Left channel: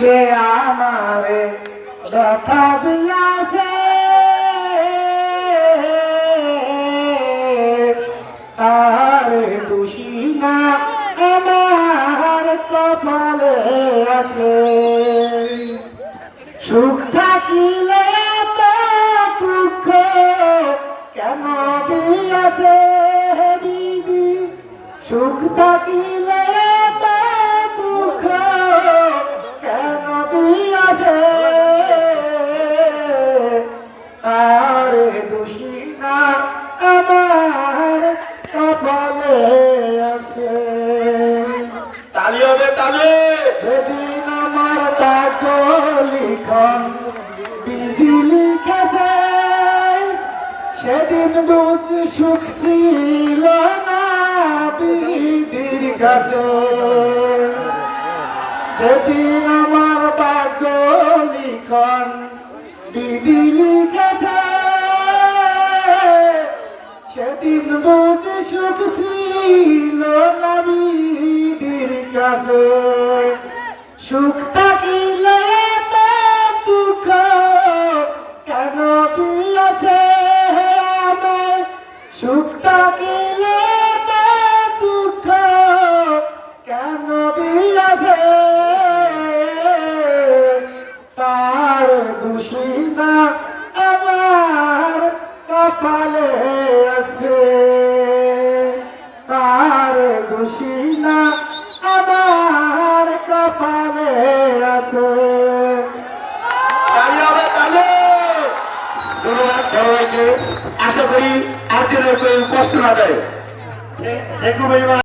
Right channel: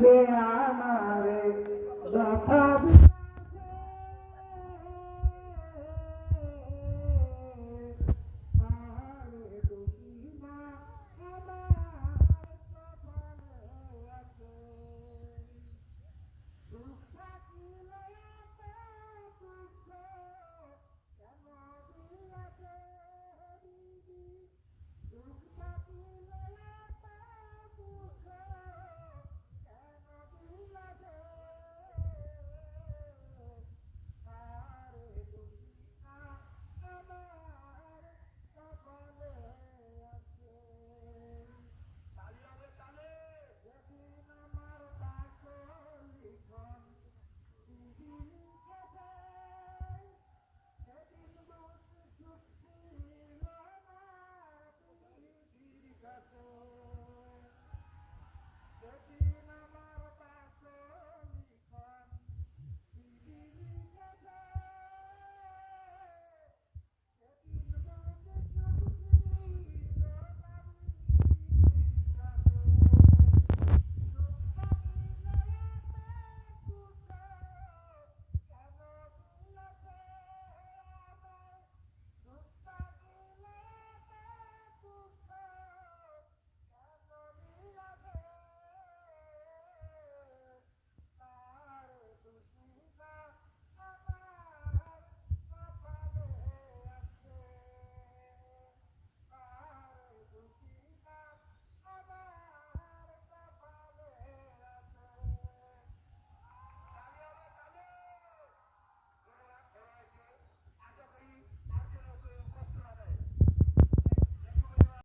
যে আমারে ব্যথা দিয়াছে তারে খুশি না আমার কপালে আছে। সুখ থাকিলে তো দুঃখ কেন দিয়াছে দিদি, সুখ থাকিলে তো দুঃখ কেন দিয়াছে। আরে দোষী না আমার কপালে আছে। তালি হবে তালি। সেদিন আমার ভাগ্য লিখন বিধি লিখেছে, সেদিন বুঝ সুখ ছিল না বিধির কাছে। সেদিন আমার ভাগ্য লিখন বিধি লিখেছে, সেদিন বুঝ সুখ ছিল না বিধির কাছে। সুখ থাকিলে তো দুঃখ কেন দিয়েছে আমায়, সুখ থাকিলে তো দুঃখ কেন দিয়েছে। তার দোষী না আমার কপালে আছে, তার দোষী না আমার কপালে আছে। তালি হবে তালি। ধন্যবাদ সবাইকে। আশা করি আর যেন কেউ কষ্ট না দেয়।